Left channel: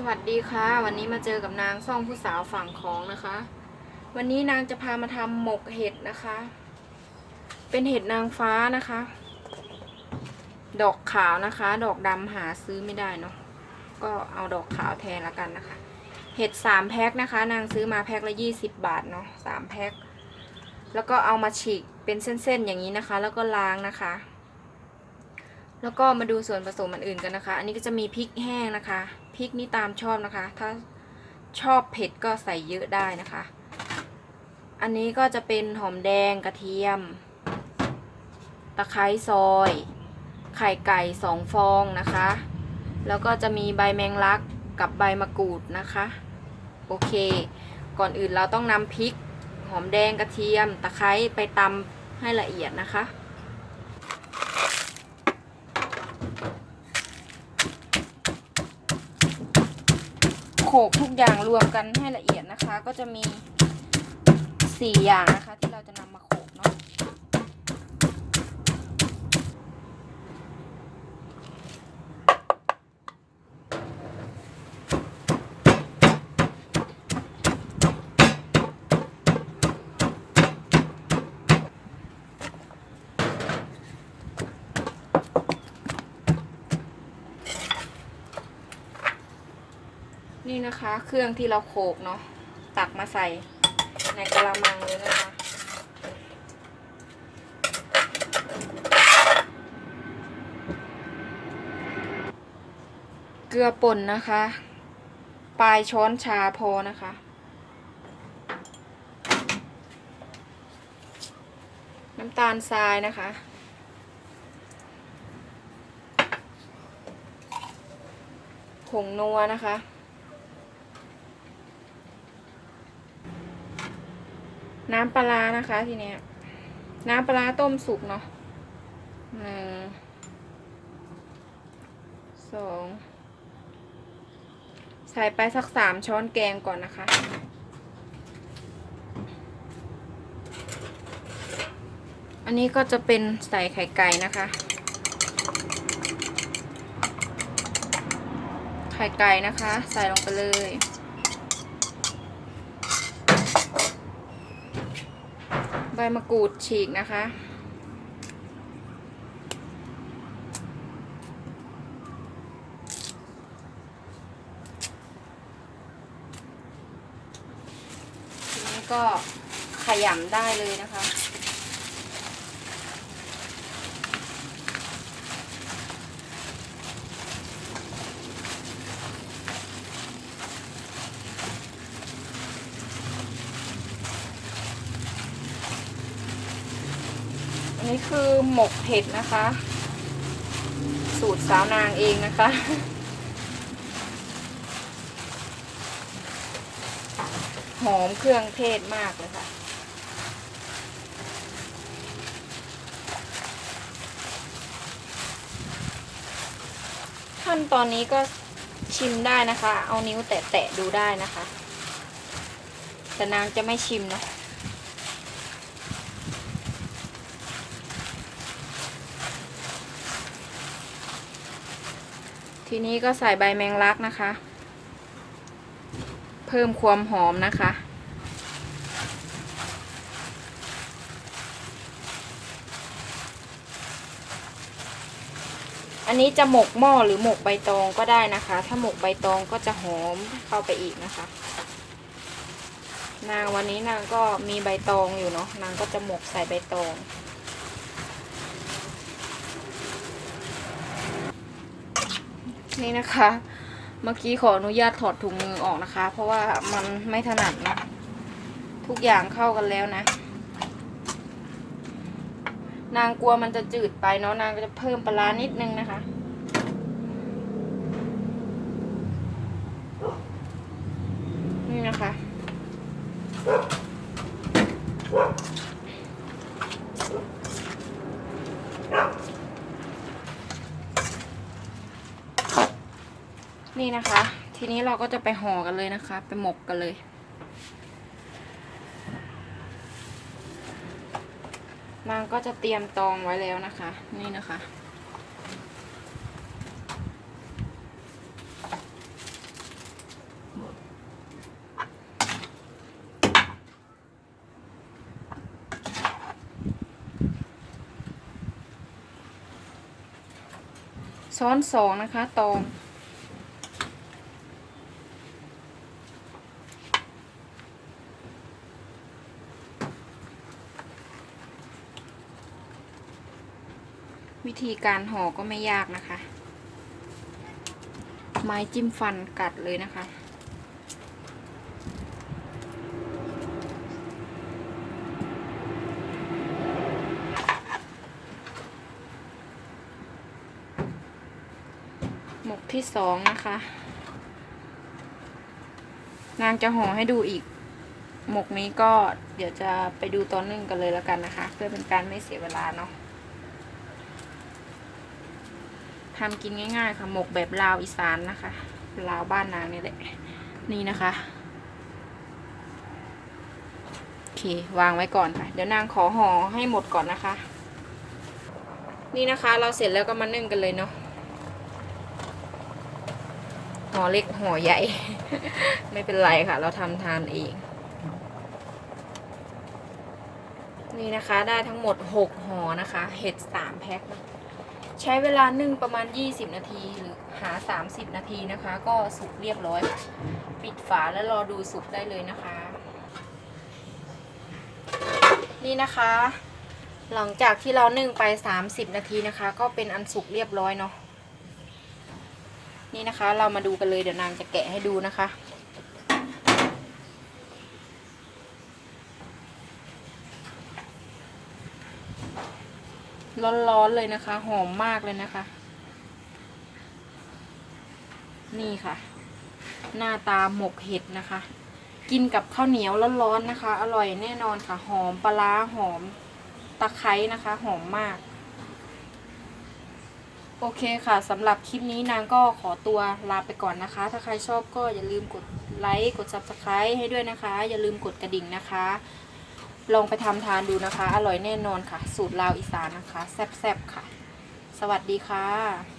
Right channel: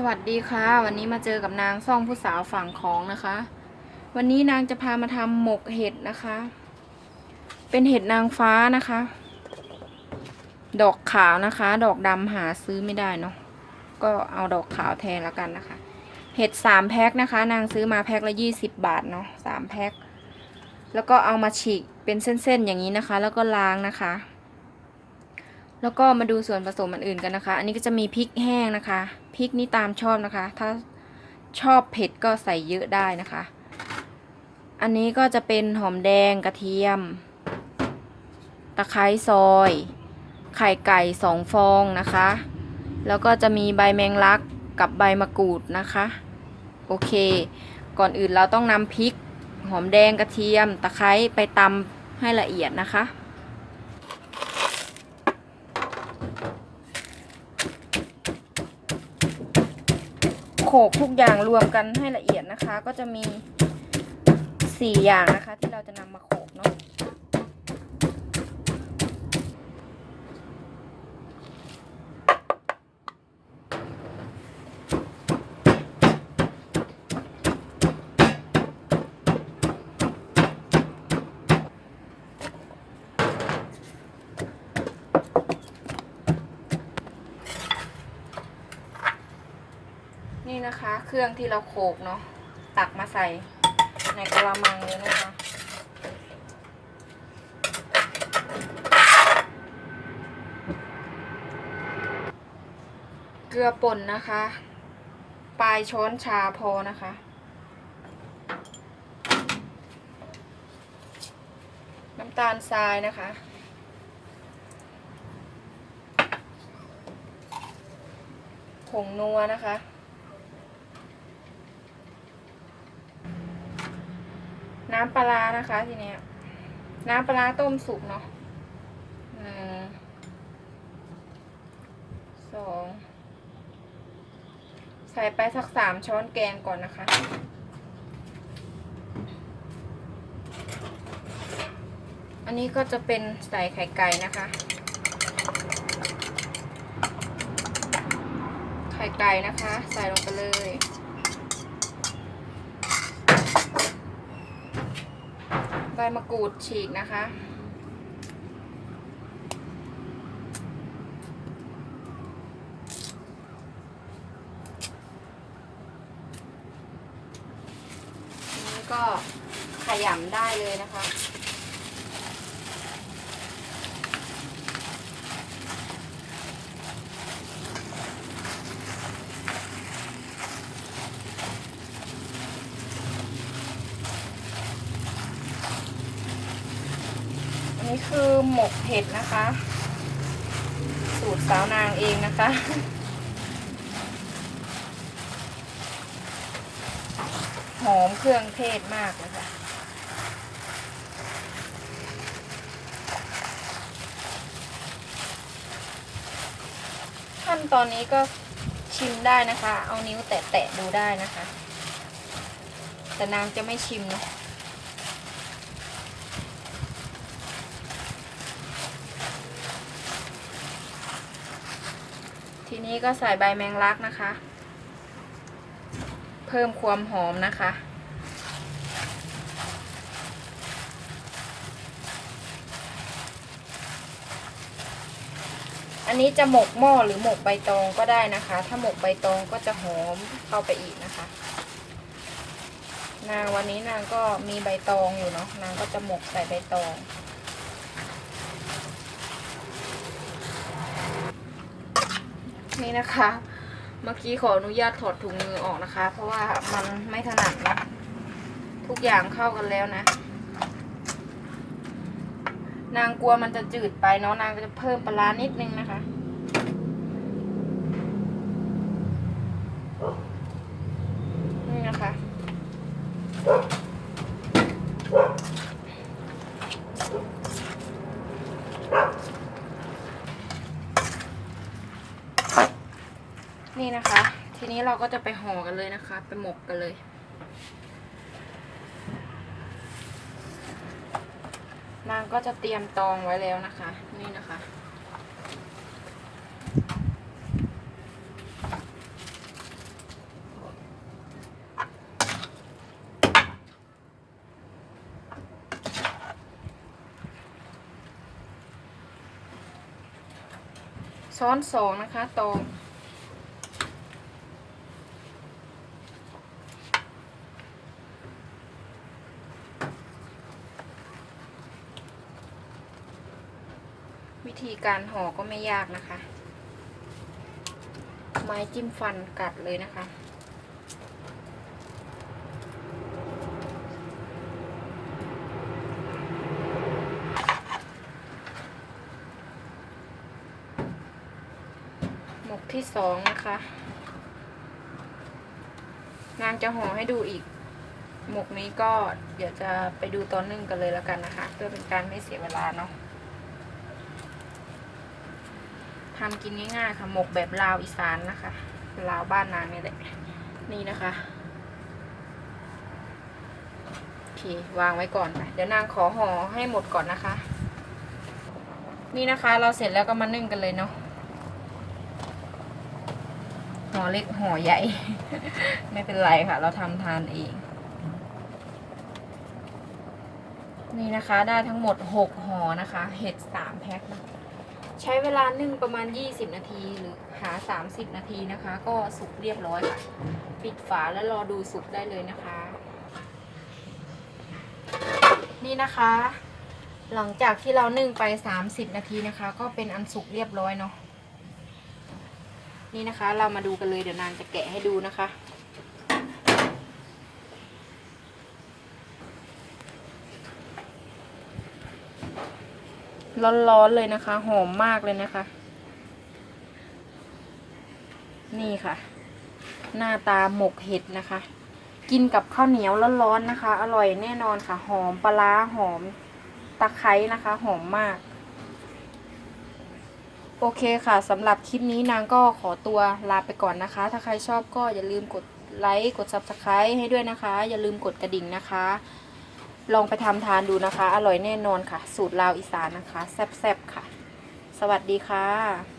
สวัสดีค่ะวันนี้มาเจอกับนางซ่องผู้สาวฝั่งของนะคะวันนี้นางจะพามาทำหมกเห็ดนะคะเป็นเห็ดนางฟ้านะคะดอกขาวนะคะดอกดำหาซื้อไม่ได้เนาะก็เอาดอกขาวแทนแล้วกันนะคะเห็ด3 แพ็คนะคะนางซื้อมาแพ็คละ20 บาทเนาะ3 แพ็คแล้วก็เอามาฉีกเป็นเส้นๆอย่างนี้นะคะแล้วก็ล้างนะคะแล้วก็มาดูส่วนผสมอื่นกันนะคะอันนี้ก็จะมีพริกแห้งนะคะพริกนี่ตามชอบนะคะถ้าชอบเผ็ดก็ใส่เยอะได้นะคะอันนี้ก็จะเป็นหอมแดงกระเทียมตะไคร้ซอยไข่ไก่2 ฟองนะคะแล้วก็จะมีใบแมงลักกับใบมะกรูดนะคะโอเคก่อนอื่นเราต้องนำพริกหอมแดงกระเทียมตะไคร้ไปตำให้ละเอียดนะคะโขลกทุกอย่างรวมกันให้ละเอียดนะคะก็จะมี4 อย่างนะคะที่เราจะนำมาโขลกเนาะนี่นะคะเครื่องที่เราโขลกเนาะตักมาใส่ในกะละมังเลยนะคะเกลือป่นนะคะปลายช้อนชาพอนะคะน้ำตาลทรายนะคะผงนัวนะคะน้ำปลานะคะทีนี้น้ำปลาต้มสุกเนาะ2ใส่ไปสัก3 ช้อนแกงก่อนนะคะอันนี้ก็จะเป็นใส่ไข่ไก่นะคะไข่ไก่นะคะใส่ลงไปเลยใบมะกรูดฉีกนะคะทีนี้ก็ขยำได้เลยนะคะอันนี้คือหมกเห็ดนะคะสูตรสาวนางเองนะคะหอมเครื่องเทศมากเลยค่ะขั้นตอนนี้ก็ชิมได้นะคะเอานิ้วแตะๆดูได้นะคะแต่นางจะไม่ชิมนะทีนี้ก็ใส่ใบแมงลักนะคะเพิ่มความหอมนะคะอันนี้จะหมกหม้อหรือหมกใบตองก็ได้นะคะถ้าหมกใบตองก็จะหอมเข้าไปอีกนะคะนางวันนี้นางก็มีใบตองอยู่เนาะนางก็จะหมกใส่ใบตองนี่นะคะเมื่อกี้ขออนุญาตถอดถุงมือออกนะคะเพราะว่ามันไม่ถนัดนะทุกอย่างเข้ากันแล้วนะนางกลัวมันจะจืดไปเนาะนางก็จะเพิ่มปลาร้านิดนึงนะคะนี่นะคะนี่นะคะทีนี้เราก็จะไปห่อกันเลยนะคะไปหมกกันเลยนางก็จะเตรียมตองไว้แล้วนะคะนี่นะคะ ช้อน2นะคะตองวิธีการห่อก็ไม่ยากนะคะ ไม้จิ้มฟันกัดเลยนะคะหมกที่2นะคะนางจะห่อให้ดูอีกหมกนี้ก็เดี๋ยวจะไปดูตอนนึ่งกันเลยแล้วกันนะคะเพื่อเป็นการไม่เสียเวลาเนาะทำกินง่ายๆค่ะหมกแบบลาวอีสานนะคะลาวบ้านนางนี่แหละนี่นะคะโอเควางไว้ก่อนเดี๋ยวนางขอห่อให้หมดก่อนนะคะนี่นะคะเราเสร็จแล้วก็มานึ่งกันเลยเนาะห่อเล็กห่อใหญ่ ไม่เป็นไรค่ะเราทำทานเองนี่นะคะได้ทั้งหมด6ห่อนะคะเห็ด3แพ็คใช้เวลานึ่งประมาณ20นาทีหรือหา30นาทีนะคะก็สุกเรียบร้อยปิดฝาแล้วรอดูสุกได้เลยนะคะนี่นะคะหลังจากที่เรานึ่งไป30นาทีนะคะก็เป็นอันสุกเรียบร้อยเนาะนี่นะคะเรามาดูกันเลยเดี๋ยวนางจะแกะให้ดูนะคะร้อนๆเลยนะคะหอมมากเลยนะคะนี่ค่ะหน้าตาหมกเห็ดนะคะกินกับข้าวเหนียวร้อนๆนะคะอร่อยแน่นอนค่ะหอมปลาร้าหอมตะไคร้นะคะหอมมากโอเคค่ะสำหรับคลิปนี้นางก็ขอตัวลาไปก่อนนะคะถ้าใครชอบก็อย่าลืมกดไลค์กด Subscribe ให้ด้วยนะคะอย่าลืมกดกระดิ่งนะคะลองไปทำทานดูนะคะอร่อยแน่นอนค่ะสูตรลาวอีสานนะคะแซ่บๆค่ะสวัสดีค่ะ